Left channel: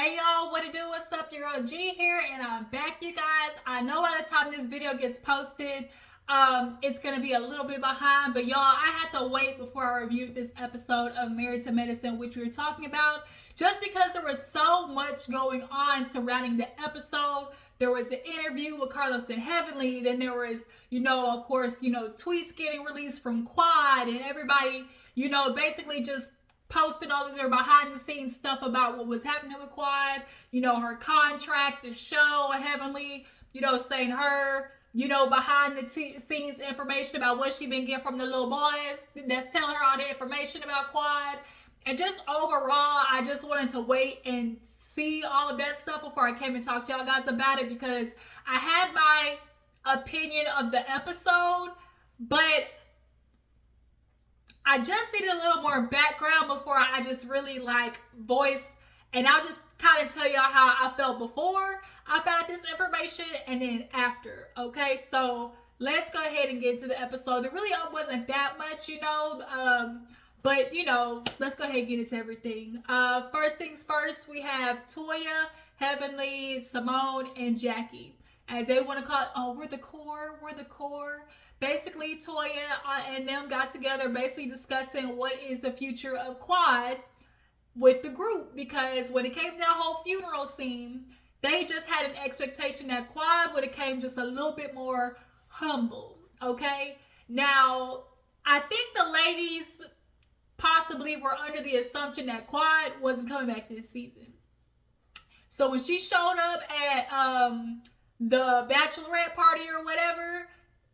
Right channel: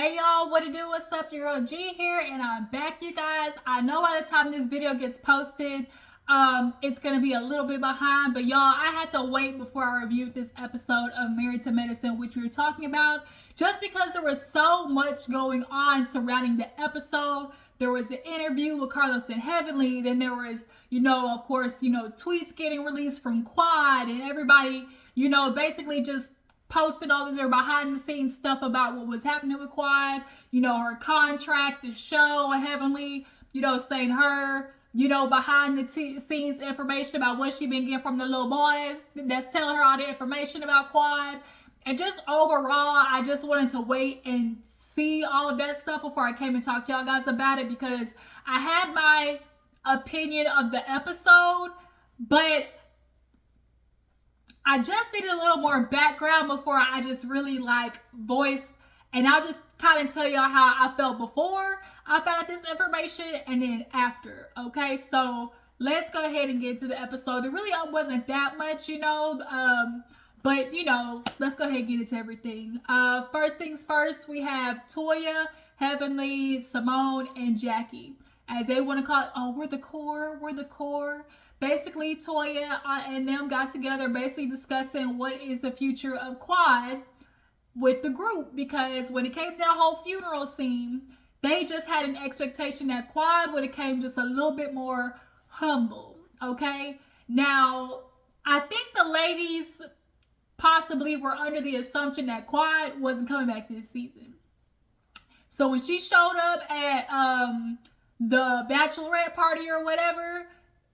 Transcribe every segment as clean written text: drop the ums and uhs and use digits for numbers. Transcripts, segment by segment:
Hey y'all, what it do? What's up? Your girl G here, and I'm back, you guys. I know by the time this video gets posted, it's gonna be a little bit behind, but y'all, I had to wait before I reviewed this episode of Married to Medicine, which we were talking about, just because there was so much going on surrounding the episode. There was the interview with Carlos and Heavenly, then there was, of course, tweets getting released from Quad, and everybody, basically just posted all of their behind the scenes stuff about what was happening with Quad, her contract, the show, Heavenly, saying her, behind the scenes information about what she been getting from the little boys that's telling her all the information about Quad. And just overall, I just wanted to wait and see all of that stuff before I came and talked to y'all guys about it, because I had my opinion of the episode, but I just needed a little more background before I just really voiced, and I'll just kind of tell y'all how I felt before I found out this information and then after. Okay, so let's go ahead and get to the episode. There really wasn't that much, but let's go ahead and get into everything. First things first, we have Toya, Heavenly, Simone, and Jackie, as they want to call it. Oh, we're the core. Basically, Toya and them got together, basically discussing what is the future of Quad with the group, because when it came to the whole funeral scene, they just had an expectation that Quad would have came just a little bit more humble. Okay, now I think the ladies possibly were under the assumption that Quad wasn't coming back this season. So when she showed up at the bachelorette party or whatever,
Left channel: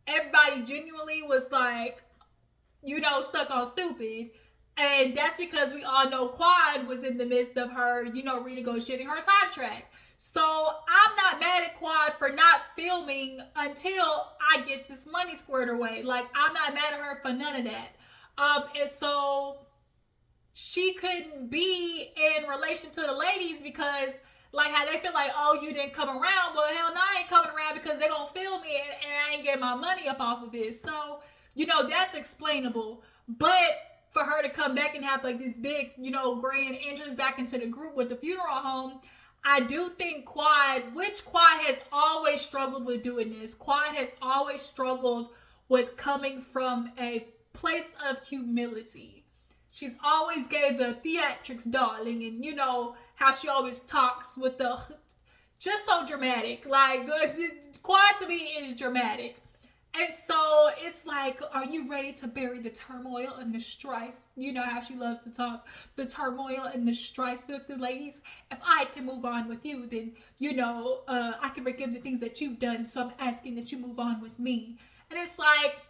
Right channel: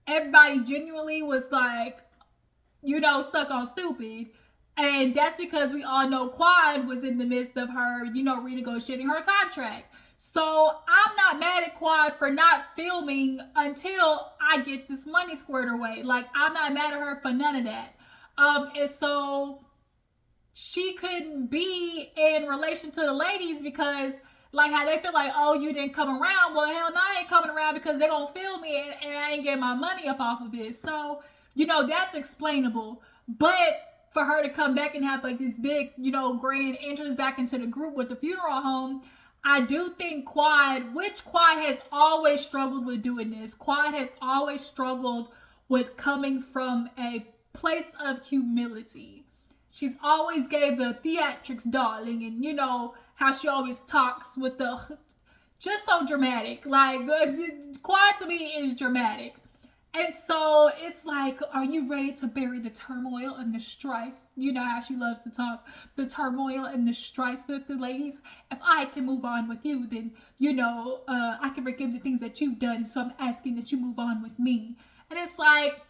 everybody genuinely was like, stuck on stupid. And that's because we all know Quad was in the midst of her, renegotiating her contract. So I'm not mad at Quad for not filming until I get this money squared away. Like, I'm not mad at her for none of that. And so she couldn't be in relation to the ladies because, like, how they feel like, oh, you didn't come around. Well, hell no, I ain't coming around because they're going to film me and I ain't getting my money up off of it. So, that's explainable. But for her to come back and have this big, grand entrance back into the group with the funeral home, I do think Quad has always struggled with doing this. Quad has always struggled with coming from a place of humility. She's always gave the theatrics, darling, and how she always talks with the just so dramatic. Like, Quad to me is dramatic. And so it's like, are you ready to bury the turmoil and the strife? You know how she loves to talk, the turmoil and the strife with the ladies. If I can move on with you, then, I can forgive the things that you've done. So I'm asking that you move on with me. And it's like,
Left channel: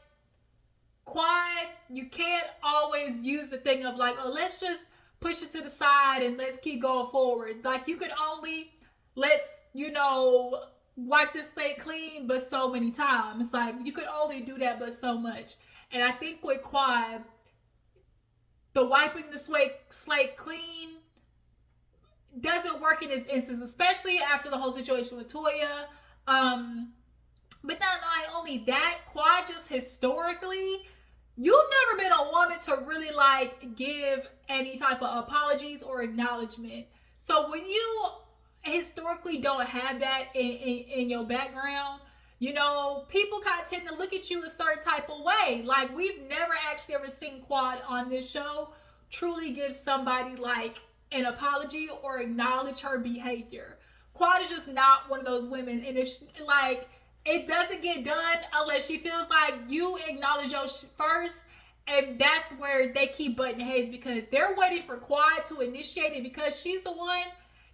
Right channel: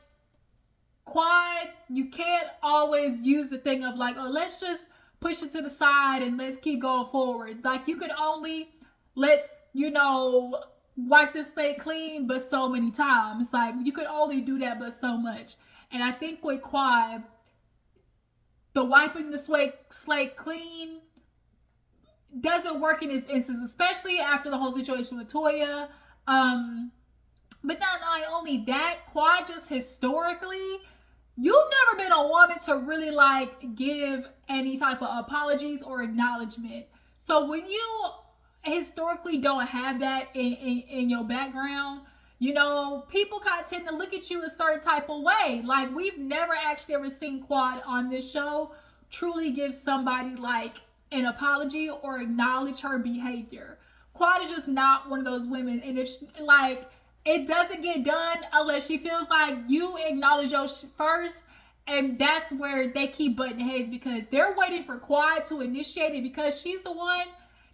Quad, you can't always use the thing of like, oh, let's just push it to the side and let's keep going forward. Like, you could only, let's, wipe the slate clean, but so many times. Like, you could only do that, but so much. And I think with Quad, the wiping the slate clean doesn't work in this instance, especially after the whole situation with Toya. But not only that, Quad just historically, you've never been a woman to really give any type of apologies or acknowledgement. So when you historically don't have that in your background, people kind of tend to look at you a certain type of way. Like, we've never actually ever seen Quad on this show truly give somebody an apology or acknowledge her behavior. Quad is just not one of those women, and if it doesn't get done unless she feels like you acknowledge yours first. And that's where they keep butting heads, because they're waiting for Quad to initiate it, because she's the one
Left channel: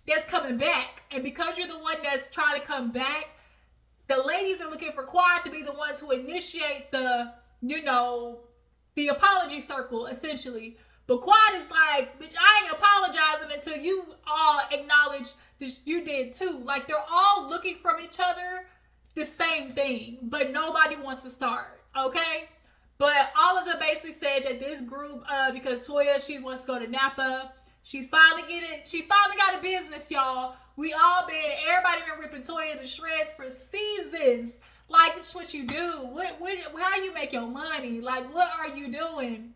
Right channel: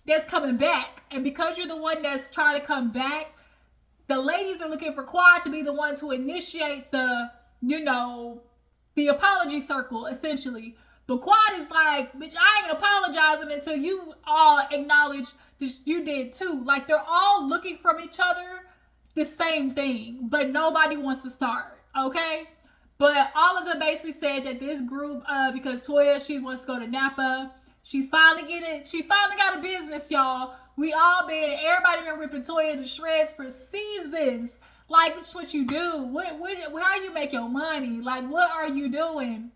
that's coming back. And because you're the one that's trying to come back, the ladies are looking for Quad to be the one to initiate the apology circle, essentially. But Quad is like, bitch, I ain't apologizing until you all acknowledge this you did too. Like, they're all looking from each other the same thing, but nobody wants to start, okay? But all of them basically said that this group, because Toya, she wants to go to Napa. She finally got a business, y'all. Everybody been ripping Toya to shreds for seasons. Like, that's what you do. How you make your money? Like, what are you doing?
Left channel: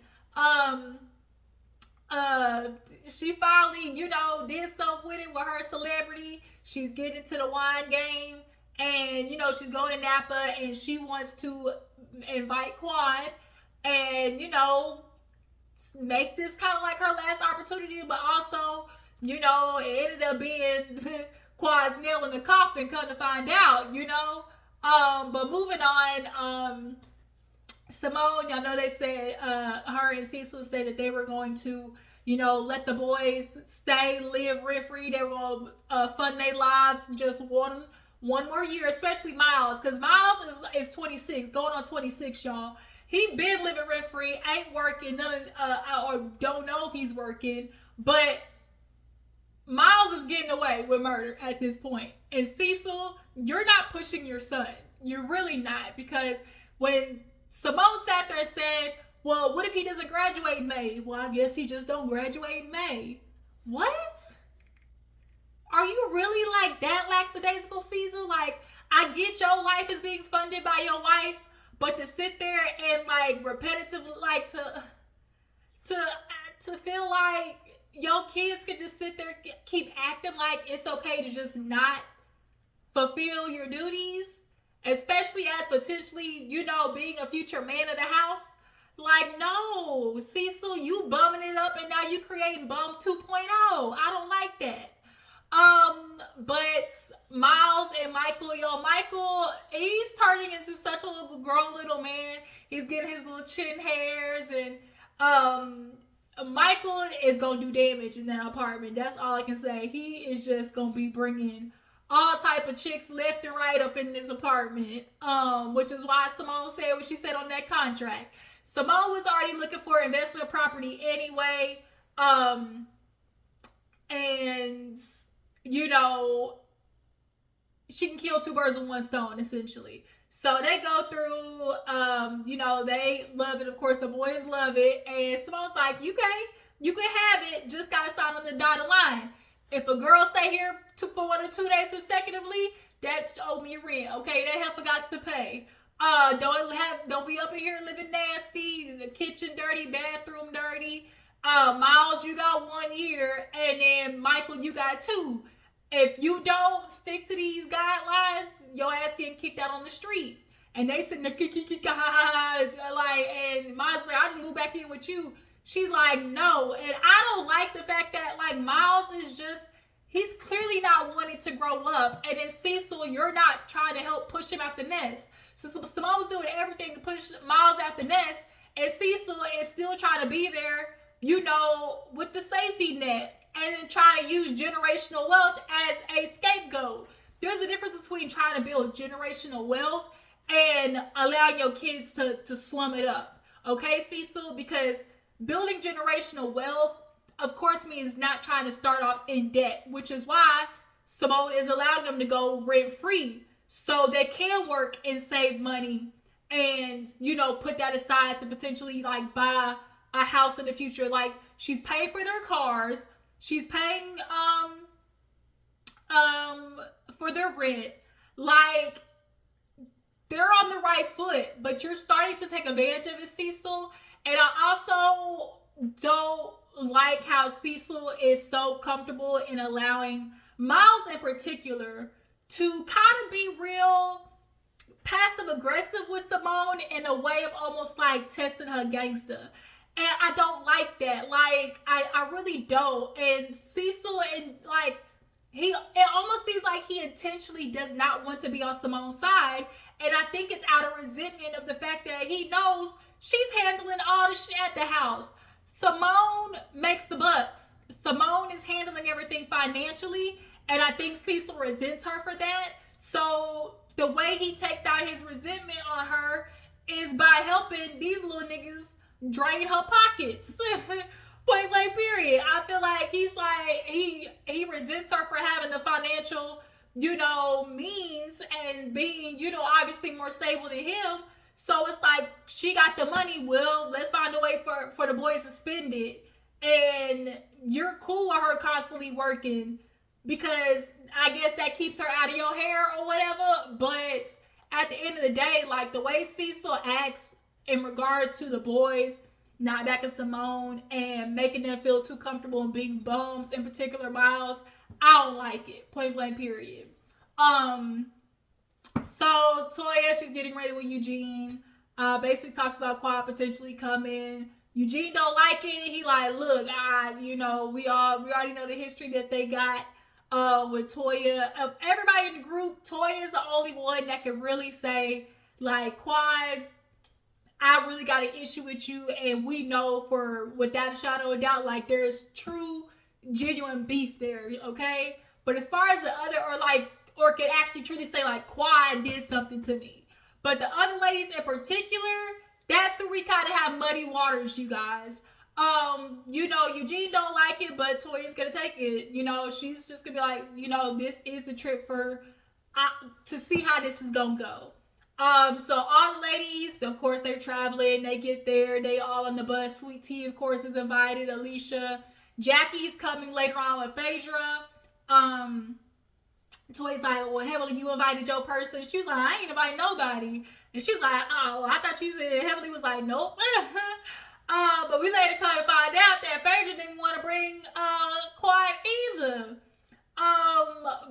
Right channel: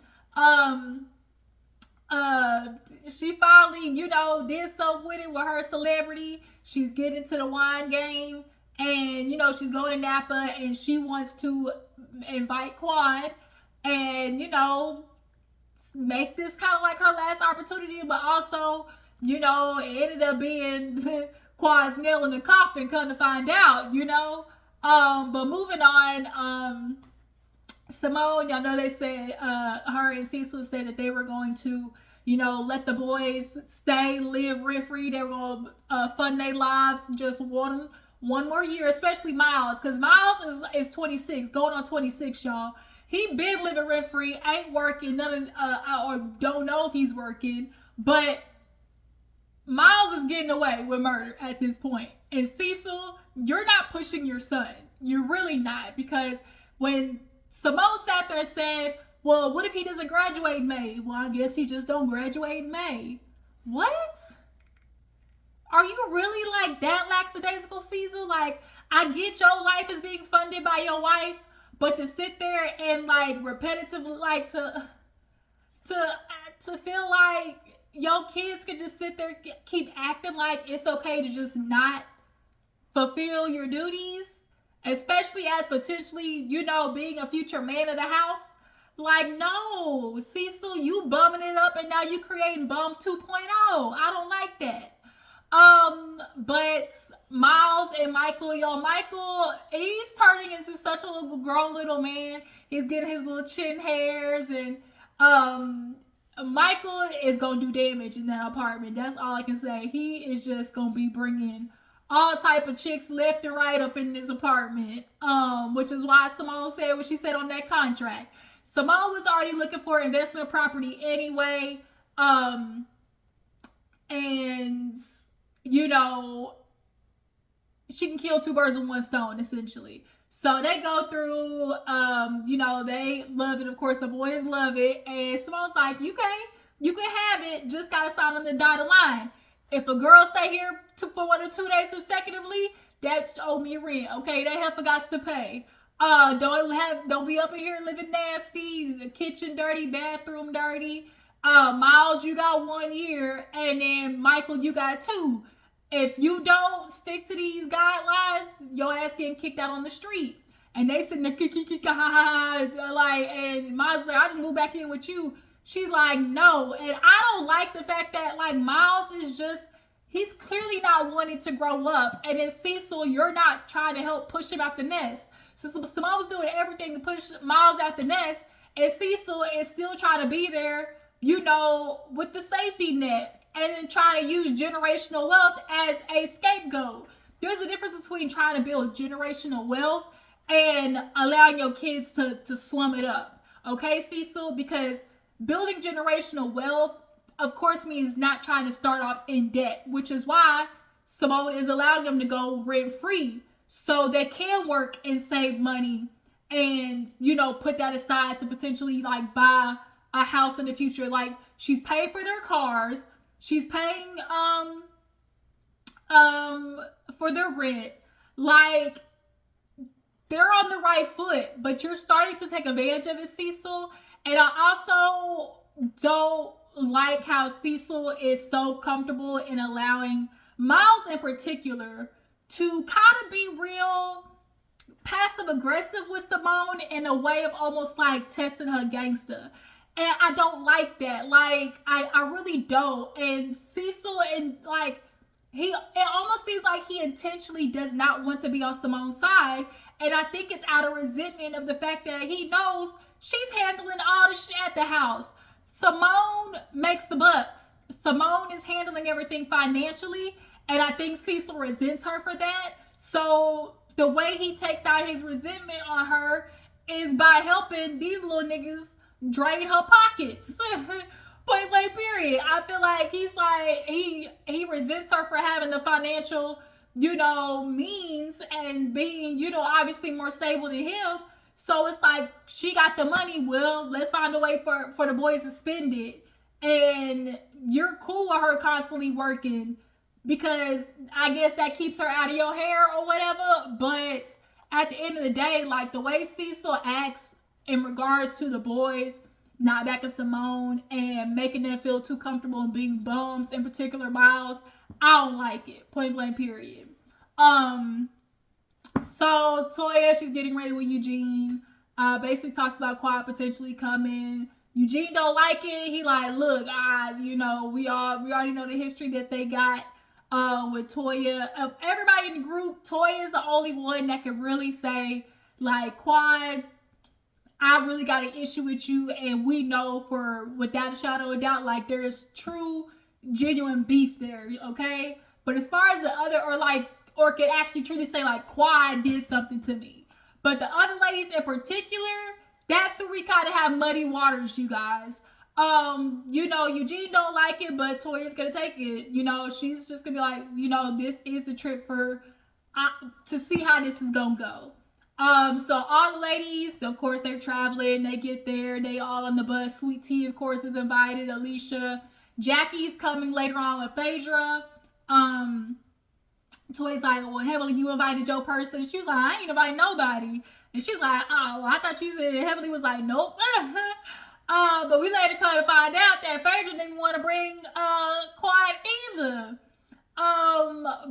uh she finally, did something with it with her celebrity. She's getting into the wine game, and she's going to Napa, and she wants to invite Quad, and make this kind of like her last opportunity, but also, it ended up being Quad's nail in the coffin, come to find out. But moving on, Simone, y'all know they said, her and Cecil said that they were going to, let the boys stay, live rent free. They were going to fund their lives just one more year, especially Miles, because Miles is 26, going on 26, y'all. He been living rent free, ain't working, or don't know if he's working, but Miles is getting away with murder at this point. And Cecil, you're not pushing your son. You're really not, because when Simone sat there and said, well, what if he doesn't graduate in May? Well, I guess he just don't graduate in May. What? Are you really like that lackadaisical, Cecil? Like, I get your life is being funded by your wife, but to sit there and like repetitively, like to feel like your kids could just sit there, keep acting like it's okay to just not fulfill your duties, especially as potentially, being a future man of the house. Like, no, Cecil, you bumming it up, and now you creating bum 2.0. I don't like that. But Miles and Michael, Michael, he's turning into such a little grown little man. He's getting his little chin hairs, and Michael is gonna do damage in that apartment. That's all I can say. He is just gonna be bringing all type of chicks left and right up in this apartment. Which is why Simone said what she said on that contract. Simone was already looking for investment property anyway. And she can kill two birds with one stone, essentially. So they go through, they love it. Of course, the boys love it. And Simone's like, you can have it. Just got to sign on the dotted line. If a girl stay here for 1 or 2 days consecutively, that's owe me rent. Okay, that heifer got to pay. Don't be up in here living nasty. The kitchen dirty, bathroom dirty. Miles, you got 1 year, and then Michael, you got 2. If you don't stick to these guidelines, your ass getting kicked out on the street. And they sitting there, like, and Miles like, I just moved back in with you. She's like, no. And I don't like the fact that, like, Miles is just, he's clearly not wanting to grow up. And then Cecil, you're not trying to help push him out the nest. So Simone was doing everything to push Miles out the nest. And Cecil is still trying to be there, with the safety net, and then trying to use generational wealth as a scapegoat. There's a difference between trying to build generational wealth and allowing your kids to slum it up. Okay, Cecil? Because building generational wealth, of course, means not trying to start off in debt, which is why Simone is allowing them to go rent-free so they can work and save money and, put that aside to potentially, like, buy a house in the future. Like, she's paying for their cars, she's paying for their rent. Like, they're on the right foot, but you're starting to take advantage of it, Cecil. And I also don't like how Cecil is so comfortable in allowing Miles in particular to kind of be real passive aggressive with Simone in a way of almost like testing her gangster. And I don't like that. Like, I really don't. And Cecil, and like, it almost seems like he intentionally does not want to be on Simone's side. And I think it's out of resentment of the fact that he knows she's handling all the shit at the house. Simone makes the bucks. Simone is handling everything financially. And I think Cecil resents her for that. So the way he takes out his resentment on her is by helping these little niggas drain her pockets. Point blank period. I feel like he's like, he resents her for having the financial, means and being, obviously more stable than him. So it's like, she got the money, well, let's find a way for the boys to spend it. And you're cool with her constantly working because I guess that keeps her out of your hair or whatever. But at the end of the day, like, the way Cecil acts in regards to the boys not backing Simone and making them feel too comfortable and being bums in particular miles. I don't like it. Point blank, period. So Toya, she's getting ready with Eugene. Basically talks about Quad potentially coming. Eugene don't like it. He like, look, we already know the history that they got with Toya. Of everybody in the group, Toya is the only one that can really say, like, Quad, I really got an issue with you, and we know for without a shadow of doubt, like, there's true, genuine beef there, okay? But as far as the other, or could actually truly say, like, Quad did something to me. But the other ladies in particular, that's where we kind of have muddy waters, you guys. Eugene don't like it, but Toya's gonna take it. She's just gonna be like, this is the trip for to see how this is gonna go. So all the ladies, of course, they're traveling. They get there. They all on the bus. Sweet Tea, of course, is invited. Alicia, Jackie's coming later on with Phaedra. Toya's like, well, Heavenly, you invited your person. She was like, I ain't invite nobody. And she's like, oh, I thought you said Heavenly was like, nope. But we later kind of find out that Phaedra didn't want to bring Quad either.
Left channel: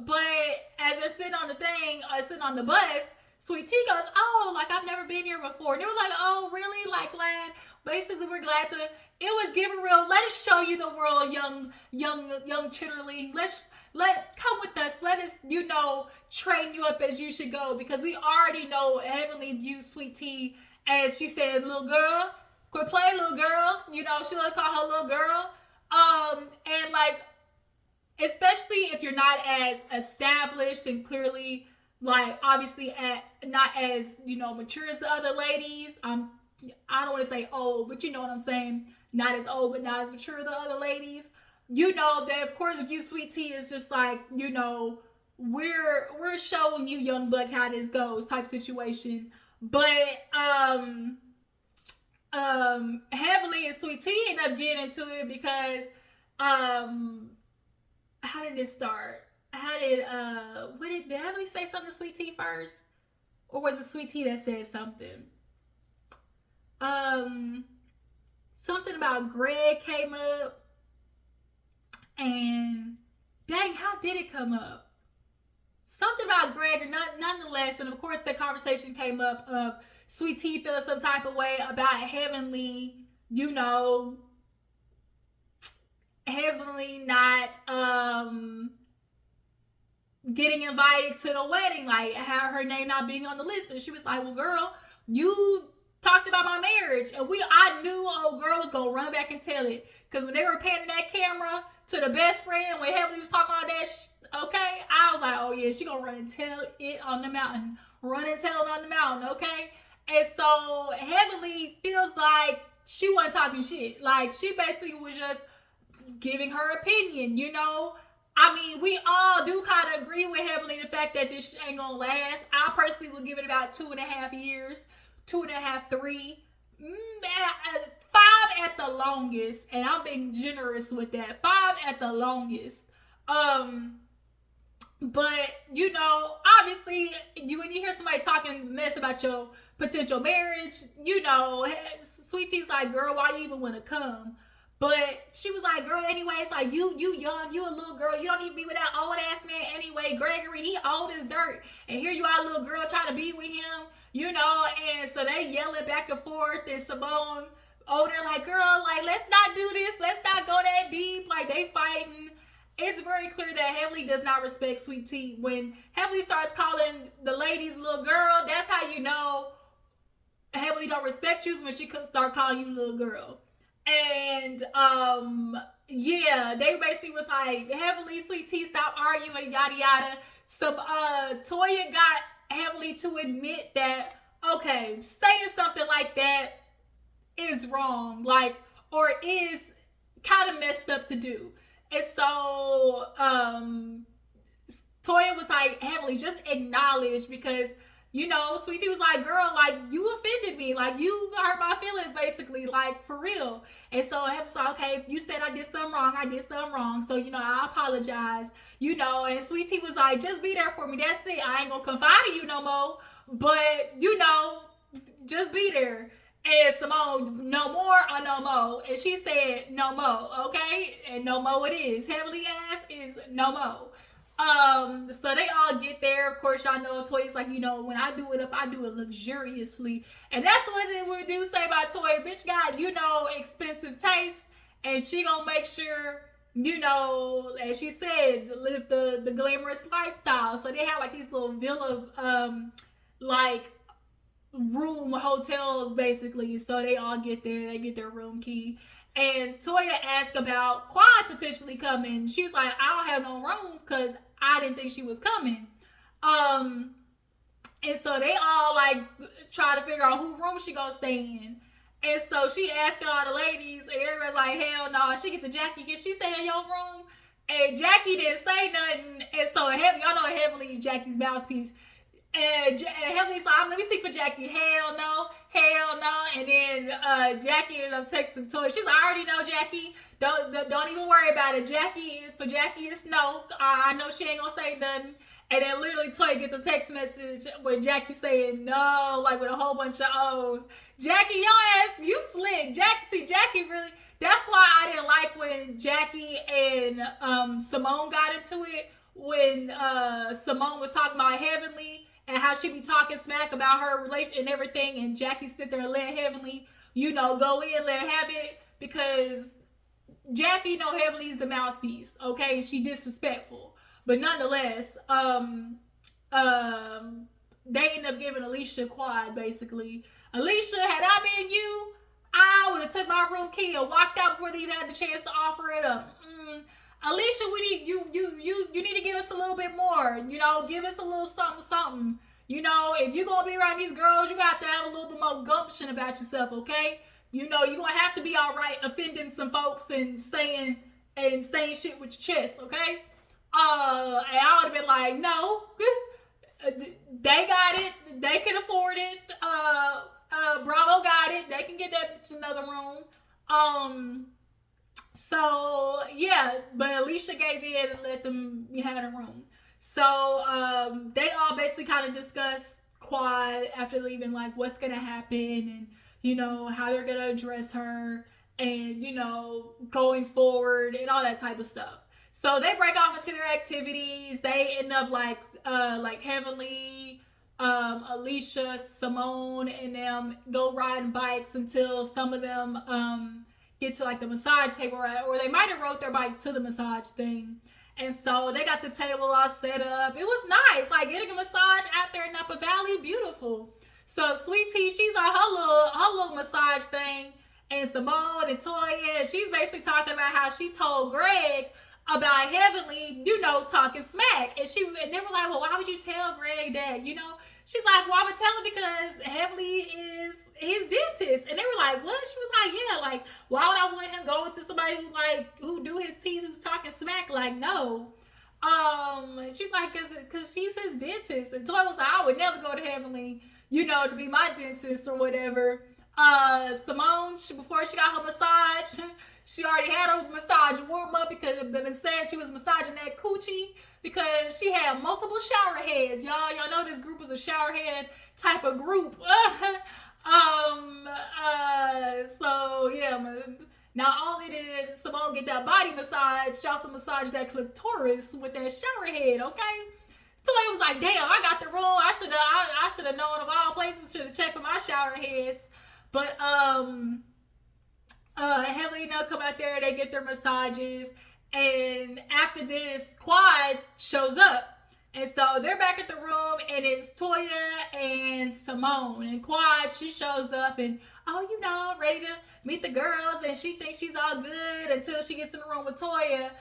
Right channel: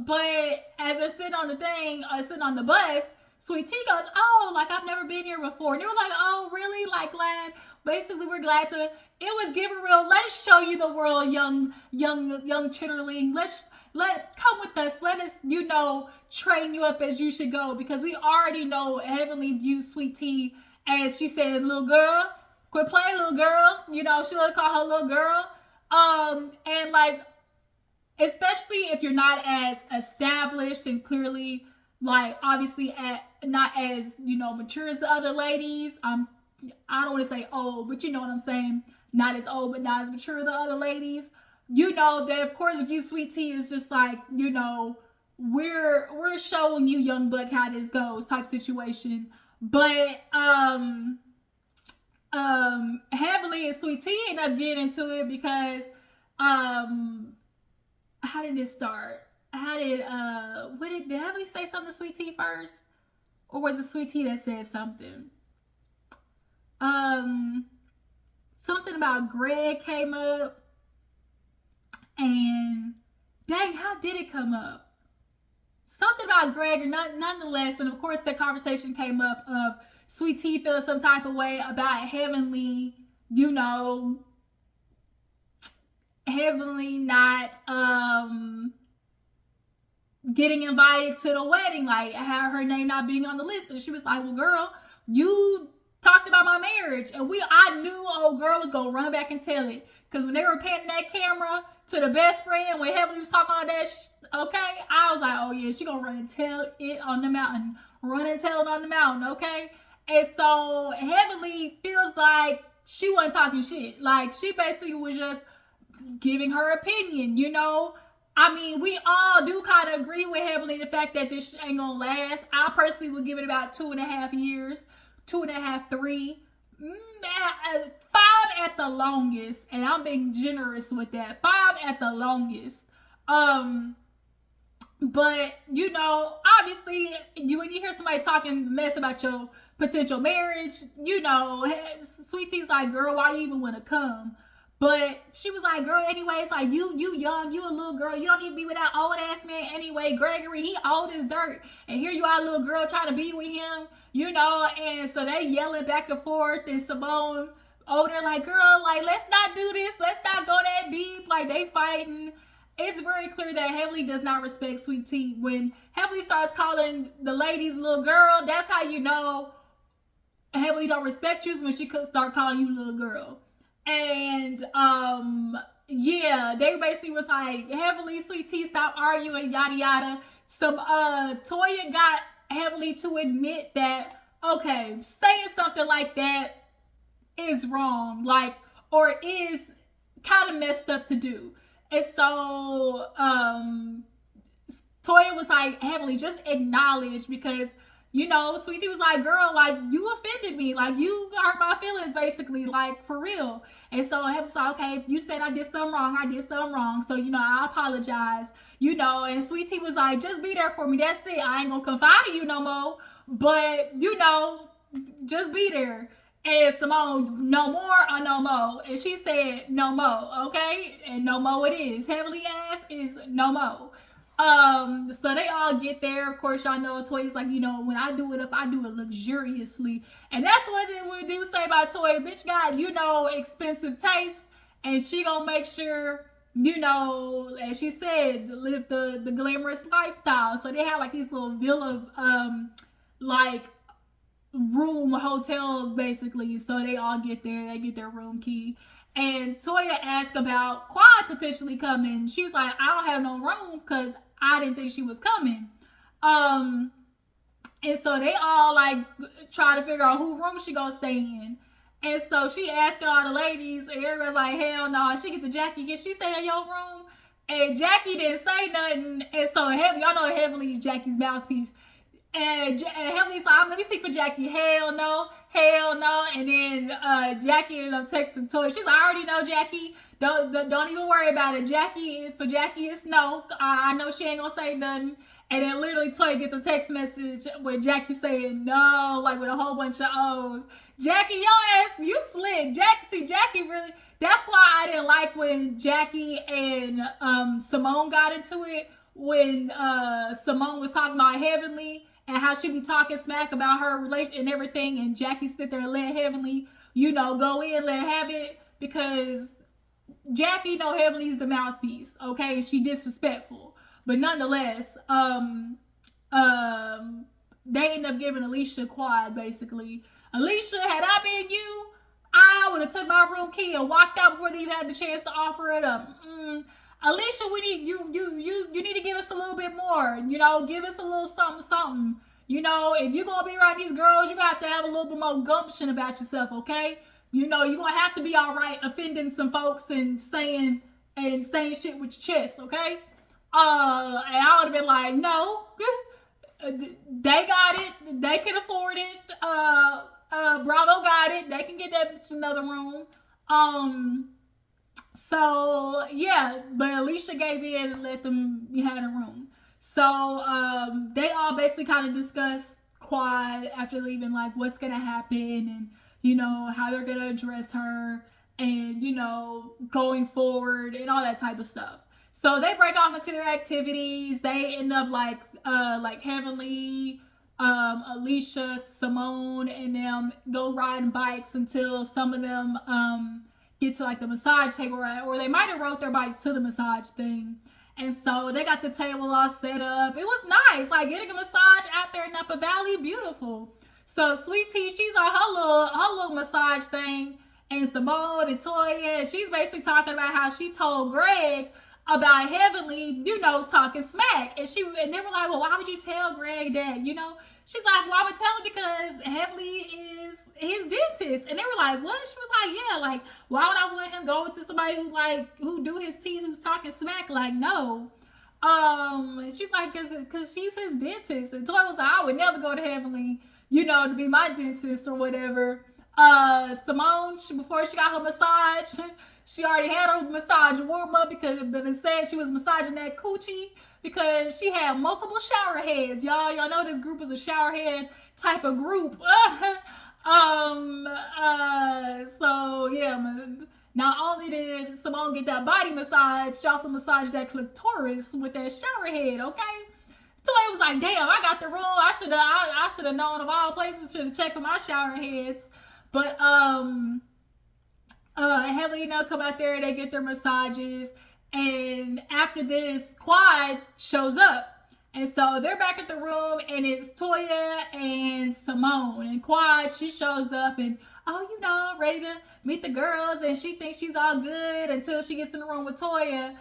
But as they're sitting on the bus, Sweet Tea goes, oh, like, I've never been here before. And they were like, oh, really? Like, glad. Basically, we're glad to. It was giving real. Let us show you the world, young chitterling. Come with us. Let us, train you up as you should go, because we already know Heavenly views Sweet Tea as, she said, little girl. Quit playing, little girl. She want to call her little girl. And like, especially if you're not as established and clearly, like, obviously not as, mature as the other ladies. I don't want to say old, but you know what I'm saying. Not as old, but not as mature as the other ladies. They, of course, view Sweet Tea is just like, we're showing you, young buck, how this goes type situation. But Heavenly and Sweet Tea end up getting into it because how did it start? Did Heavenly say something to Sweet Tea first? Or was it Sweet Tea that said something? Something about Greg came up. And dang, how did it come up? Something about Greg, or nonetheless. And of course, the conversation came up of Sweet Tea feeling some type of way about Heavenly, Heavenly not getting invited to the wedding, like her name not being on the list. And she was like, well, girl, you talked about my marriage, and I knew old girl was gonna run back and tell it, because when they were panning that camera to the best friend when Heavenly was talking all that okay, I was like, oh yeah, she gonna run and tell it on the mountain, okay? And so Heavenly feels like she wasn't talking shit, like she basically was just giving her opinion. I mean, we all do kind of agree with Heavenly the fact that this ain't gonna last. I personally would give it about 2.5 years, 2.5, 3, 5 at the longest, and I'm being generous with that. 5 at the longest. But obviously, when you hear somebody talking mess about your potential marriage, Sweet Tea's like, girl, why you even want to come? But she was like, girl, anyway, it's like, you young, you a little girl, you don't even be with that old ass man anyway. Gregory, he old as dirt, and here you are, little girl, trying to be with him, and so they yelling back and forth, and Simone over there like, girl, like, let's not do this, let's not go that deep, like, they fighting. It's very clear that Heavenly does not respect Sweet Tea. When Heavenly starts calling the ladies little girl, that's how you know Heavenly don't respect you, when she could start calling you little girl. And they basically was like, Heavenly, Sweet Tea, stop arguing, yada yada. Some Toya got Heavenly to admit that, okay, saying something like that is wrong, like, or is kind of messed up to do. And so Toya was like, Heavenly, just acknowledge, because Sweet Tea was like, girl, like, you offended me, like, you hurt my feelings, basically, like, for real. And so Heavenly was like, okay, if you said I did something wrong, I did something wrong, so I apologize, and Sweet Tea was like, just be there for me, that's it, I ain't gonna confide in you no more, but just be there. And Simone, no more or no more? And she said, no more, okay? And no more it is. Heavenly ass is no more. So they all get there. Of course, y'all know Toya's like, when I do it up, I do it luxuriously. And that's what we do say about Toya. Bitch got, expensive taste. And she gonna make sure, as she said, live the glamorous lifestyle. So they have like these little villa, like room hotels basically. So they all get there, they get their room key. And Toya asked about Quad potentially coming. She was like, I don't have no room because I didn't think she was coming. And so they all like try to figure out who room she gonna stay in. And so she asking all the ladies, and everybody's like, hell no. She get the Jackie, can she stay in your room? And Jackie didn't say nothing. And so y'all know Heavenly is Jackie's mouthpiece. And Heavenly's like, let me speak for Jackie. Hell no, hell no. And then Jackie ended up texting Toya. She's like, I already know, Jackie. Don't even worry about it. For Jackie, it's no. I know she ain't gonna say nothing. And then literally Toya gets a text message with Jackie saying no, like with a whole bunch of O's. Jackie, your ass, you slick. Jackie really. That's why I didn't like when Jackie and Simone got into it. When Simone was talking about Heavenly and how she be talking smack about her relation and everything, and Jackie sit there and let Heavenly, go in, let her have it, because Jackie know Heavenly's the mouthpiece, okay? She disrespectful. But nonetheless, they end up giving Alicia Quad, basically. Alicia, had I been you, I would have took my room key and walked out before they even had the chance to offer it up. Alicia, we need you need to give us a little bit more. Give us a little something. If you're gonna be around these girls, you got to have a little bit more gumption about yourself, okay? You're gonna have to be all right offending some folks and saying shit with your chest, okay? And I would have been like, no, they got it, they can afford it. Bravo got it, they can get that bitch another room. So yeah, but Alicia gave in and let them have a room. So they all basically kind of discussed Quad after leaving, like what's gonna happen and how they're gonna address her and going forward and all that type of stuff. So they break off into their activities. They end up like Heavenly, Alicia, Simone, and them go riding bikes until some of them get to like the massage table, or they might have rode their bikes to the massage thing. And so they got the table all set up. It was nice, like getting a massage out there in Napa Valley, beautiful. So Sweet Tea, she's on her little massage thing, and Simone and Toya, she's basically talking about how she told Greg about Heavenly, talking smack. And they were like, well, why would you tell Greg that? She's like, well, I would tell him because Heavenly is his dentist. And they were like, what? She was like, yeah, like, why would I want him going to somebody who do his teeth, who's talking smack? Like, no. She's like, cause she's his dentist. And Toy was like, I would never go to Heavenly, to be my dentist or whatever. Simone, before she got her massage, she already had her massage warm up but instead she was massaging that coochie because she had multiple shower heads. Y'all know this group was a shower head type of group. So yeah, not only did Simone get that body massage, she also massaged that clitoris with that shower head, okay? Toya was like, damn, I got the room. I should have known of all places, should have checked for my shower heads. But Heavenly come out there, they get their massages, and after this, Quad shows up. And so they're back at the room, and it's Toya and Simone. And Quad, she shows up, and ready to meet the girls, and she thinks she's all good until she gets in the room with Toya.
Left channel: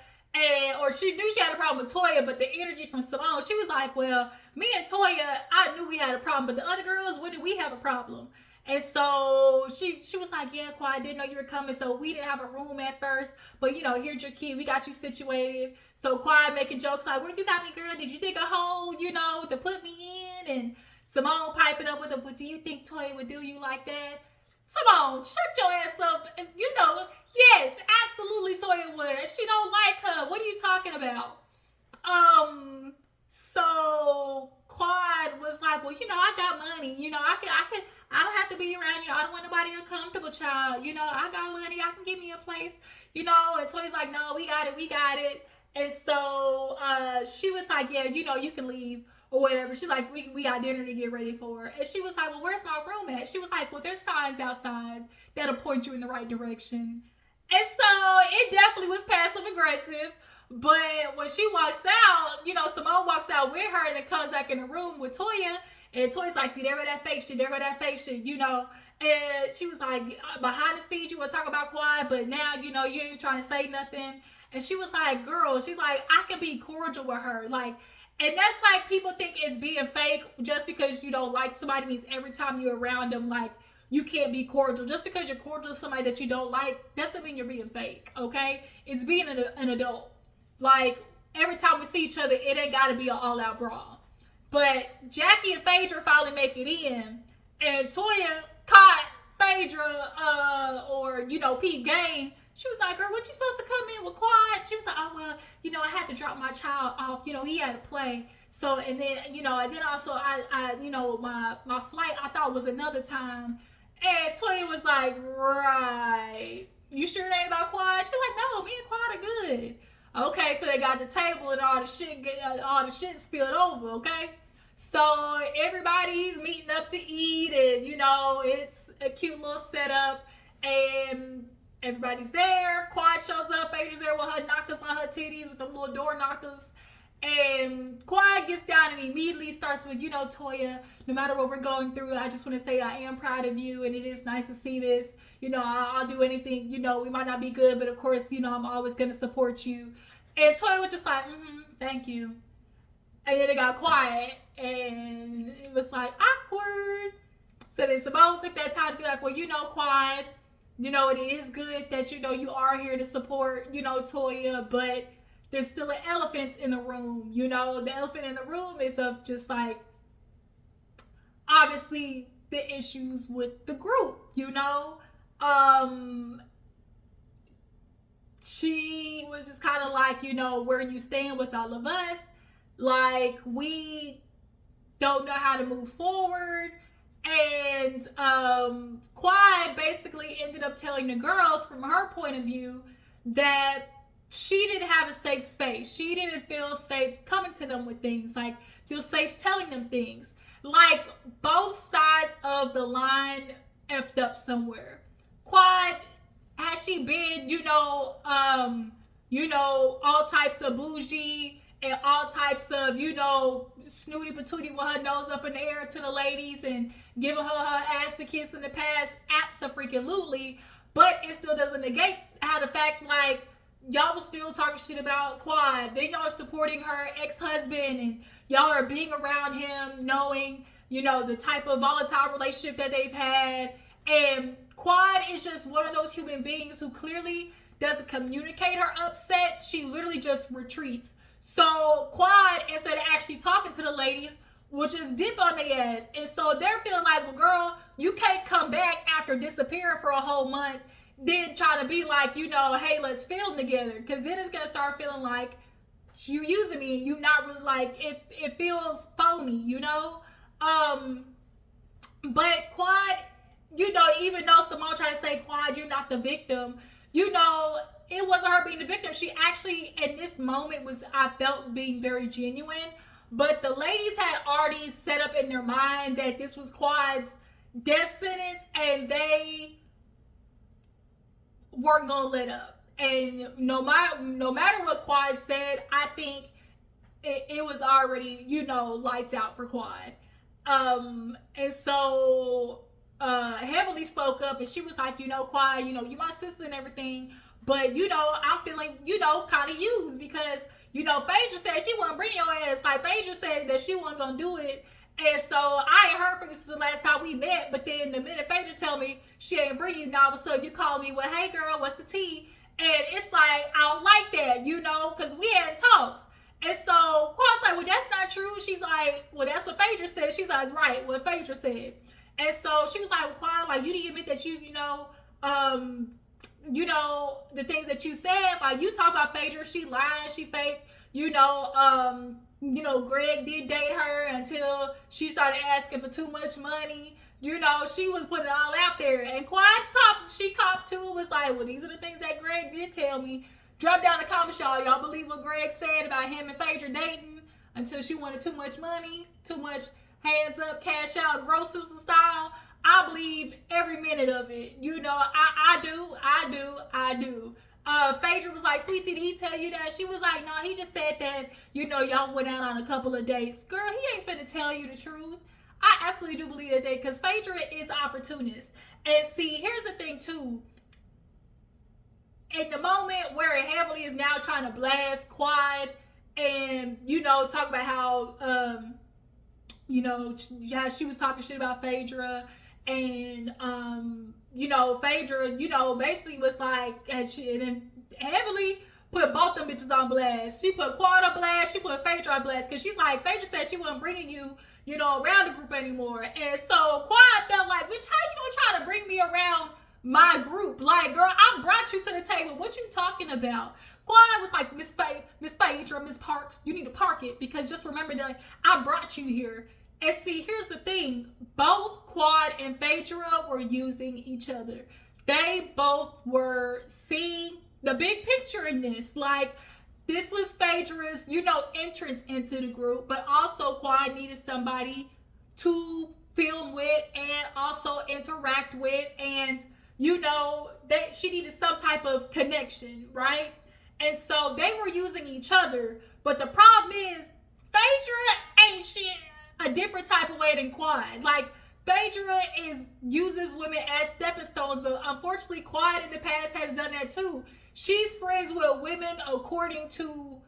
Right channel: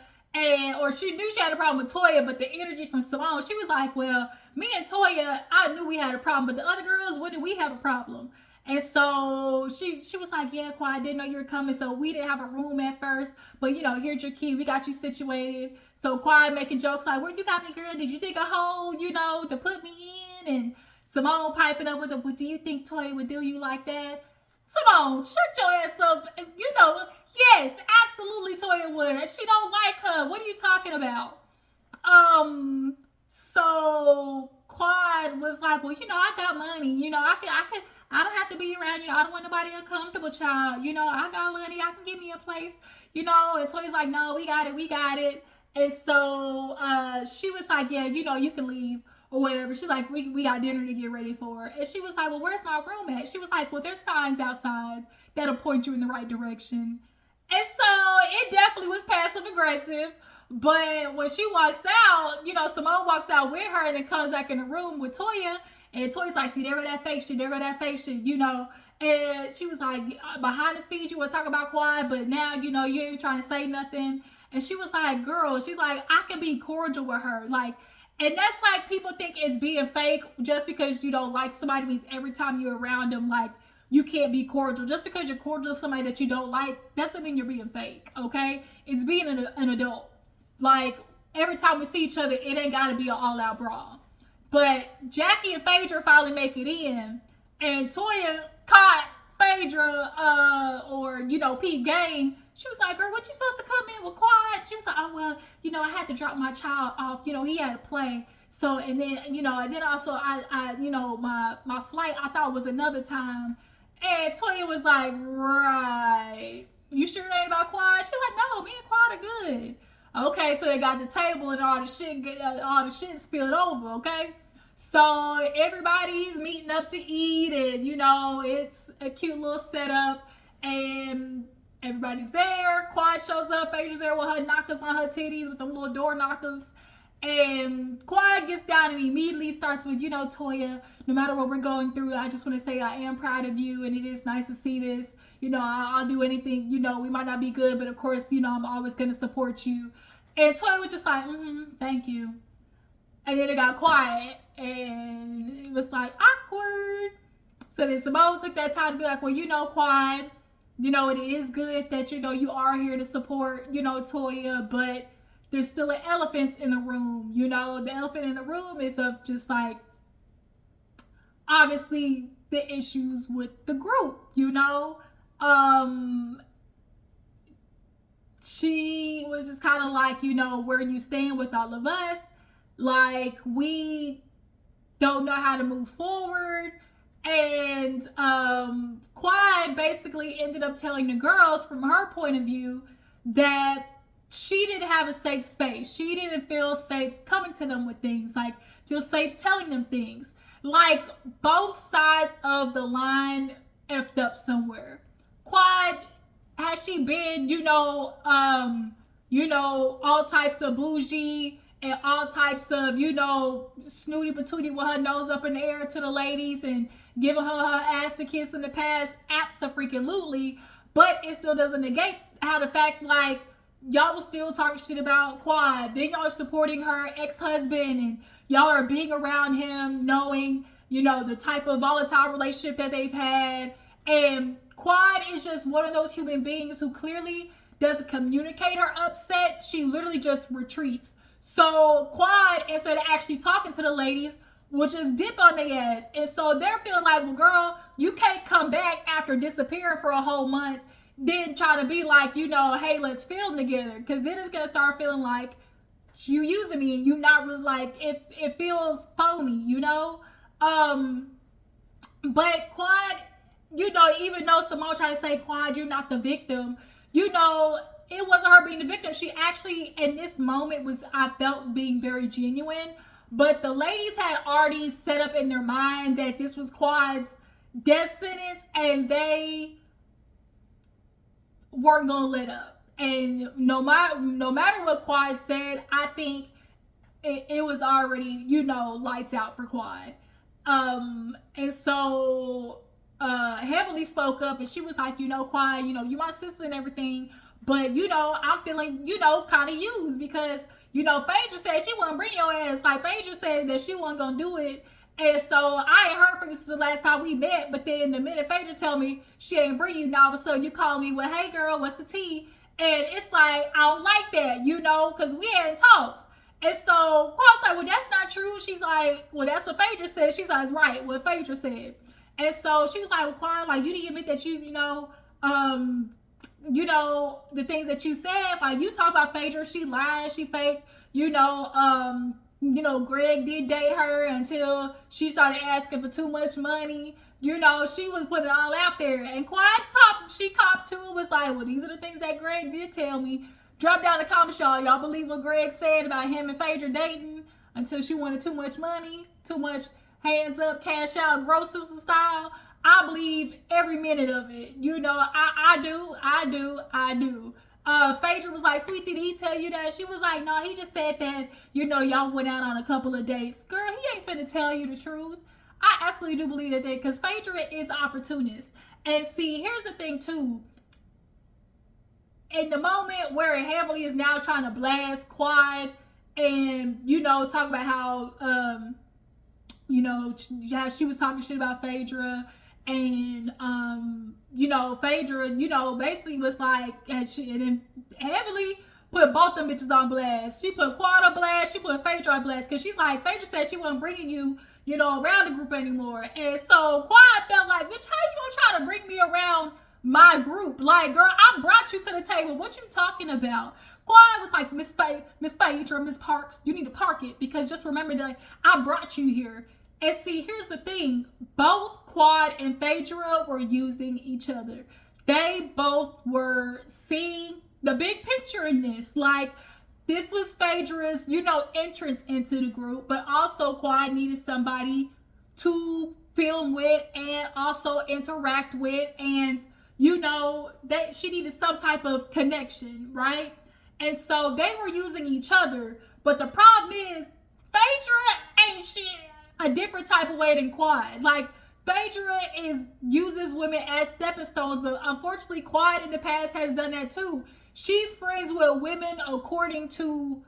Or she knew she had a problem with Toya, but the energy from Simone, she was like, well, me and Toya, I knew we had a problem, but the other girls, when did we have a problem? And so she was like, yeah, Quad, I didn't know you were coming, so we didn't have a room at first, but here's your key, we got you situated. So Quad making jokes like, where you got me, girl? Did you dig a hole, to put me in? And Simone piping up with her, but do you think Toya would do you like that? Simone, shut your ass up. Yes, absolutely Toya would. She don't like her. What are you talking about? So Quad was like, well, I got money. I don't have to be around, I don't want nobody uncomfortable, child. I got money, I can give me a place, and Toya's like, no, we got it. And so she was like, yeah, you can leave or whatever. She's like, we got dinner to get ready for. And she was like, well, where's my room at? She was like, well, there's signs outside that'll point you in the right direction. And so it definitely was passive aggressive. But when she walks out, Simone walks out with her and then comes back in the room with Toya. And Toya's like, see, there go that fake shit, And she was like, behind the scenes, you were talking about quiet, but now, you ain't trying to say nothing. And she was like, girl, she's like, I can be cordial with her. Like, and that's like, people think it's being fake just because you don't like somebody means every time you're around them, like, you can't be cordial. Just because you're cordial to somebody that you don't like, doesn't mean you're being fake, okay? It's being an adult. Like, every time we see each other, it ain't got to be an all-out brawl. But Jackie and Phaedra finally make it in, and Toya caught Phaedra, Pete Game. She was like, girl, what you supposed to come in with quiet? She was like, oh, well, I had to drop my child off. He had to play. So, and then, and then also I my flight I thought was another time. And Toya was like, right. You sure it ain't about quiet? She was like, no, me and quiet are good. Okay, so they got the table and all the shit spilled over, okay? So everybody's meeting up to eat, and it's a cute little setup, and everybody's there. Quiet shows up. Phaedra's there with her knockers on her titties with them little door knockers. And Quiet gets down and immediately starts with, Toya, no matter what we're going through, I just want to say I am proud of you, and it is nice to see this. I'll do anything. We might not be good, but of course, I'm always going to support you. And Toya was just like, thank you. And then it got quiet, and it was like awkward. So then Simone took that time to be like, well, Quiet, it is good that, you are here to support, Toya, but there's still an elephant in the room. The elephant in the room is of just like, obviously, the issues with the group, She was just kind of like, where are you staying with all of us? Like, we don't know how to move forward. And Quiet basically ended up telling the girls, from her point of view, that she didn't have a safe space. She didn't feel safe coming to them with things, like feel safe telling them things. Like, both sides of the line effed up somewhere. Quiet, has she been, all types of bougie and all types of, snooty patooty with her nose up in the air to the ladies and giving her ass to kiss in the past? Abso-freaking-lutely. But it still doesn't negate how the fact, like, y'all was still talking shit about Quad. Then y'all are supporting her ex-husband, and y'all are being around him, knowing, the type of volatile relationship that they've had. And Quad is just one of those human beings who clearly doesn't communicate her upset. She literally just retreats. So Quad, instead of actually talking to the ladies, will just dip on their ass. And so they're feeling like, well, girl, you can't come back after disappearing for a whole month, then try to be like, hey, let's film together. Because then it's going to start feeling like you using me and you not really, like, it feels phony, But Quad, even though Simone tried to say, Quad, you're not the victim, it wasn't her being the victim. She actually, in this moment, I felt being very genuine. But the ladies had already set up in their mind that this was Quad's death sentence, and they weren't gonna let up. And no matter what Quad said, I think it was already, lights out for Quad. And so Heavenly spoke up, and she was like, Quad, you my sister and everything, but I'm feeling, kind of used, because Phaedra said she wasn't bring your ass. Like, Phaedra said that she wasn't gonna do it. And so I ain't heard from you since the last time we met, but then the minute Phaedra tell me she ain't bring you, now all of a sudden you call me, well, hey girl, what's the tea? And it's like, I don't like that, because we hadn't talked. And so Quad's like, well, that's not true. She's like, well, that's what Phaedra said. She's like, right, what Phaedra said. And so she was like, well, Quad, like, you didn't admit that the things that you said, like, you talk about Phaedra, she lying, she fake, Greg did date her until she started asking for too much money. You know, she was putting it all out there. And she copped to it, was like, well, these are the things that Greg did tell me. Drop down the comments, y'all. Y'all believe what Greg said about him and Phaedra dating until she wanted too much money, too much hands up, cash out, gross sister style? I believe every minute of it. You know, I do. Phaedra was like, sweetie, did he tell you that? She was like, no, he just said that, you know, y'all went out on a couple of dates. Girl, he ain't finna tell you the truth. I absolutely do believe that because Phaedra is an opportunist. And see, here's the thing too. In the moment where Heavenly is now trying to blast Quad and, you know, talk about how, you know, she was talking shit about Phaedra. And, you know, Phaedra, you know, basically was like, and then Heavenly put both them bitches on blast. She put Quad on blast. She put Phaedra on blast. Because she's like, Phaedra said she wasn't bringing you, you know, around the group anymore. And so Quad felt like, bitch, how you gonna try to bring me around my group? Like, girl, I brought you to the table. What you talking about? Quad was like, Miss Phaedra, Miss Parks, you need to park it. Because just remember that I brought you here. And see, here's the thing. Both Quad and Phaedra were using each other. They both were seeing the big picture in this. Like, this was Phaedra's, you know, entrance into the group. But also Quad needed somebody to film with and also interact with. And, you know, that she needed some type of connection, right? And so they were using each other. But the problem is, Phaedra ain't shit a different type of way than Quad. Like, Phaedra uses women as stepping stones, but unfortunately Quad in the past has done that too. She's friends with women according to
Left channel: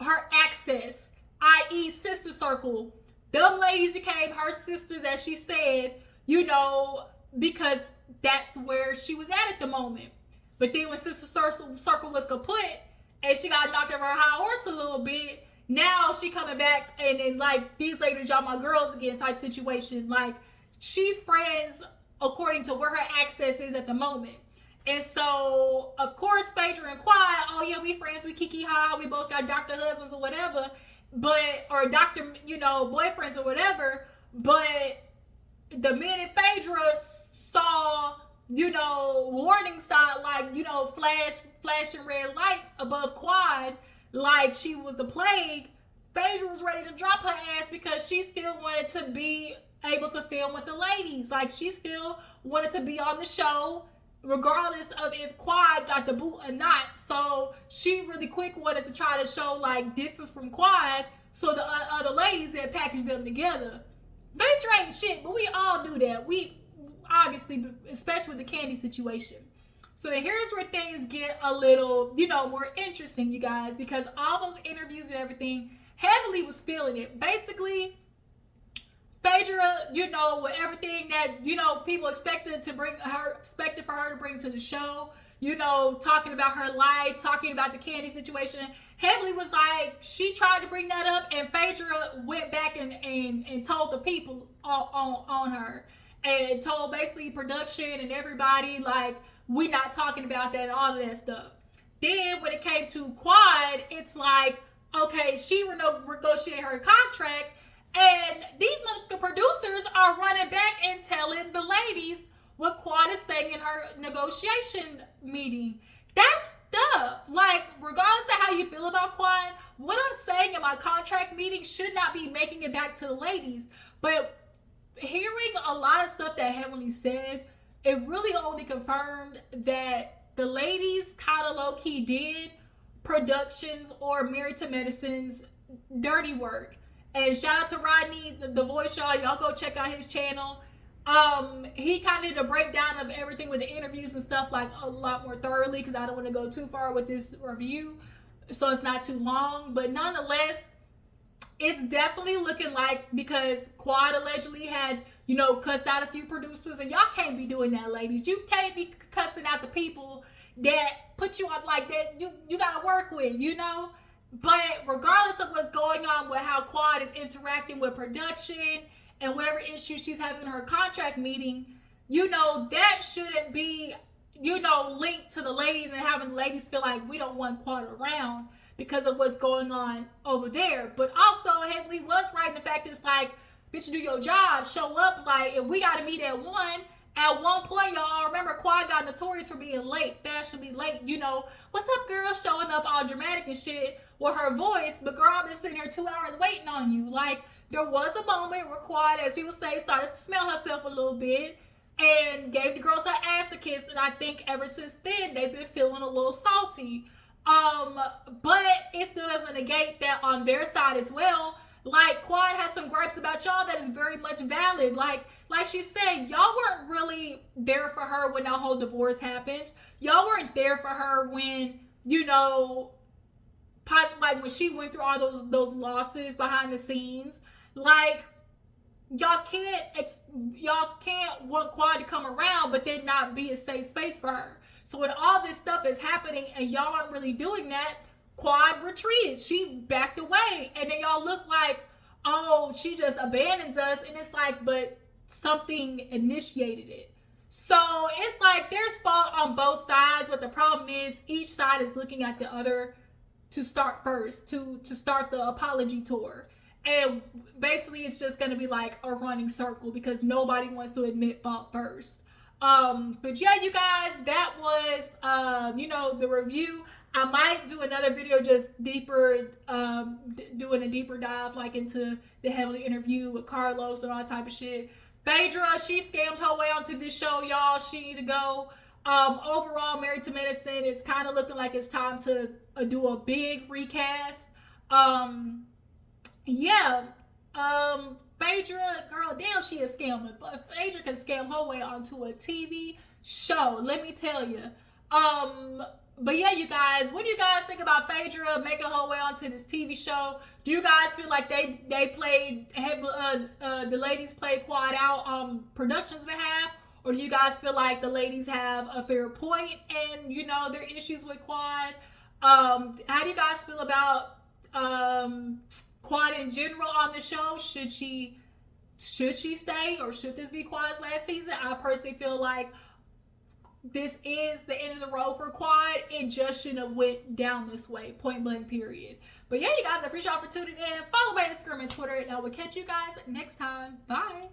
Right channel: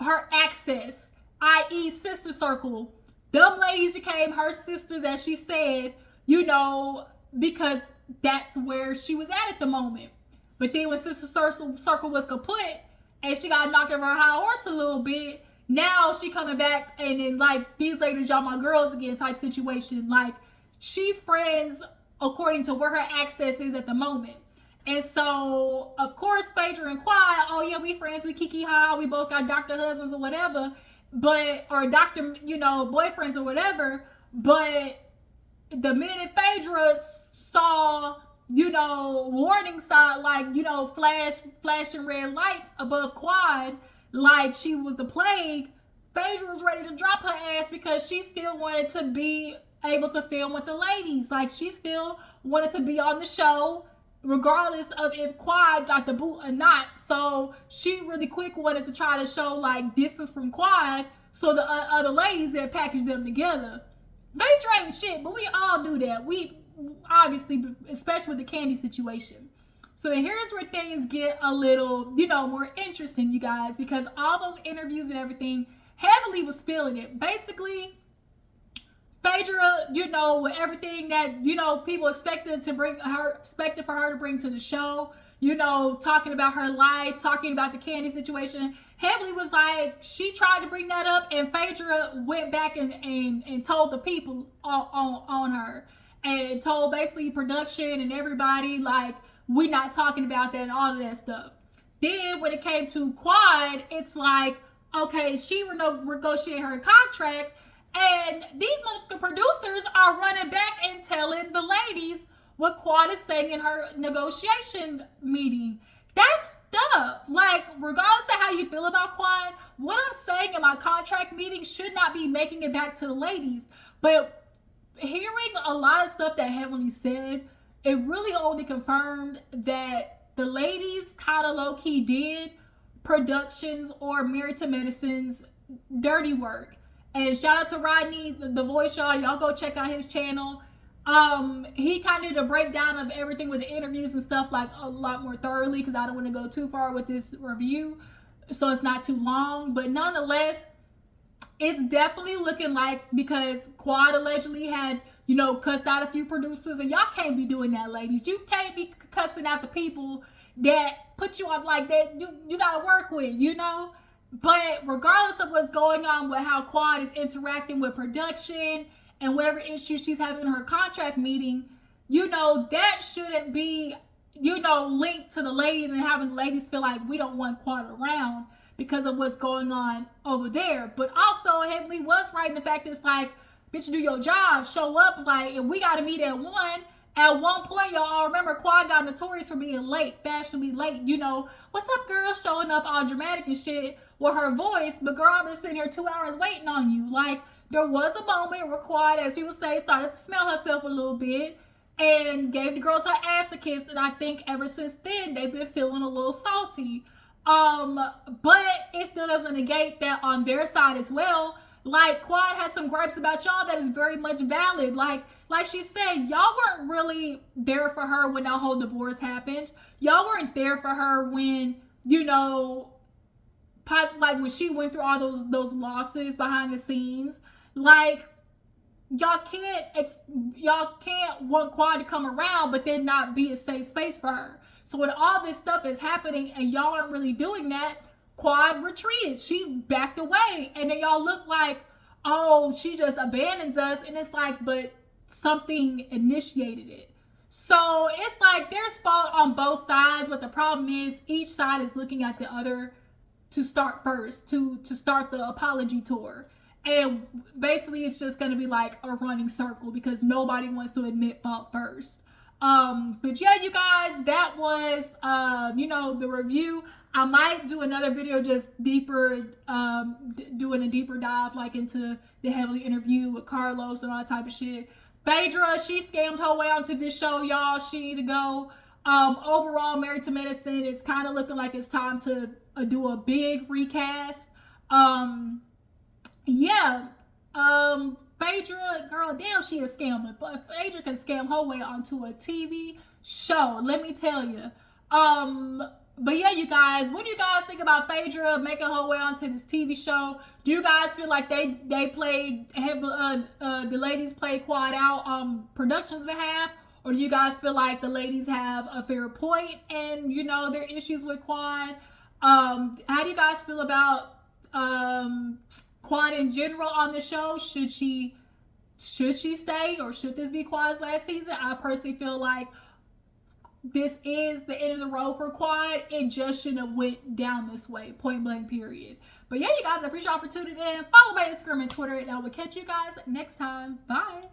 her access, i.e. sister circle. Them ladies became her sisters, as she said, you know, because that's where she was at the moment. But then when sister circle was kaput and she got knocked over her high horse a little bit, now she coming back and then like, these ladies, y'all my girls again type situation. Like, she's friends according to where her access is at the moment. And so, of course, Phaedra and Quad, oh yeah, we friends, we kiki ha, we both got doctor husbands or whatever, but, or doctor, you know, boyfriends or whatever. But the minute Phaedra saw, you know, warning sign, like, you know, flashing red lights above Quad, like she was the plague, Phaedra was ready to drop her ass because she still wanted to be able to film with the ladies. Like, she still wanted to be on the show regardless of if Quad got the boot or not. So she really quick wanted to try to show like distance from Quad so the other ladies had packaged them together. Phaedra ain't shit, but we all do that. We obviously, especially with the Candy situation. So here's where things get a little, you know, more interesting, you guys, because all those interviews and everything, Heavenly was spilling it. Basically, Phaedra, you know, with everything that, you know, people expected for her to bring to the show, you know, talking about her life, talking about the Candy situation. Heavenly was like, she tried to bring that up, and Phaedra went back and told the people on her, and told basically production and everybody, like, we not talking about that and all of that stuff. Then when it came to Quad, it's like, okay, she negotiated her contract, and these motherfucking producers are running back and telling the ladies what Quad is saying in her negotiation meeting. That's up. Like, regardless of how you feel about Quad, what I'm saying in my contract meeting should not be making it back to the ladies. But hearing a lot of stuff that Heavenly said, it really only confirmed that the ladies kind of low-key did productions or Married to Medicine's dirty work. And shout out to Rodney, the voice, y'all go check out his channel. He kind of did a breakdown of everything with the interviews and stuff, like a lot more thoroughly, because I don't want to go too far with this review, so it's not too long. But nonetheless, it's definitely looking like, because Quad allegedly had, you know, cussed out a few producers, and y'all can't be doing that, ladies. You can't be cussing out the people that put you on, like, that you gotta work with, you know. But regardless of what's going on with how Quad is interacting with production and whatever issues she's having in her contract meeting, you know, that shouldn't be, you know, linked to the ladies and having the ladies feel like we don't want Quad around because of what's going on over there. But also, Heavenly was right in the fact that it's like, bitch, do your job, show up. Like, if we got to meet at 1, at one point, y'all all remember Quad got notorious for being late, fashionably late. You know, what's up, girl? Showing up all dramatic and shit with her voice. But girl, I've been sitting here 2 hours waiting on you. Like, there was a moment where Quad, as people say, started to smell herself a little bit and gave the girls her ass a kiss. And I think ever since then, they've been feeling a little salty. But it still doesn't negate that on their side as well. Like, Quad has some gripes about y'all that is very much valid. Like she said, y'all weren't really there for her when that whole divorce happened. Y'all weren't there for her when, you know, like when she went through all those losses behind the scenes. Like, y'all can't want Quad to come around, but then not be a safe space for her. So when all this stuff is happening and y'all aren't really doing that, Quad retreated. She backed away. And then y'all look like, oh, she just abandons us. And it's like, but something initiated it. So it's like there's fault on both sides. But the problem is each side is looking at the other to start first, to start the apology tour. And basically it's just going to be like a running circle because nobody wants to admit fault first. But yeah, you guys, that was, you know, the review. I might do another video just deeper, doing a deeper dive like into the heavily interview with Carlos and all that type of shit. Phaedra, she scammed her way onto this show, y'all. She need to go. Overall, Married to Medicine is kind of looking like it's time to do a big recast. Yeah. Phaedra, girl, damn, she is scamming. But Phaedra can scam her way onto a TV show. Let me tell you. But yeah, you guys, what do you guys think about Phaedra making her way onto this TV show? Do you guys feel like they played, the ladies played Quad out on production's behalf? Or do you guys feel like the ladies have a fair point and, you know, their issues with Quad? How do you guys feel about Quad in general on the show? Should she stay, or should this be Quad's last season? I personally feel like this is the end of the road for Quad. It just shouldn't have went down this way, point blank, period. But yeah, you guys, I appreciate y'all for tuning in. Follow me on Instagram and Twitter, and I will catch you guys next time. Bye.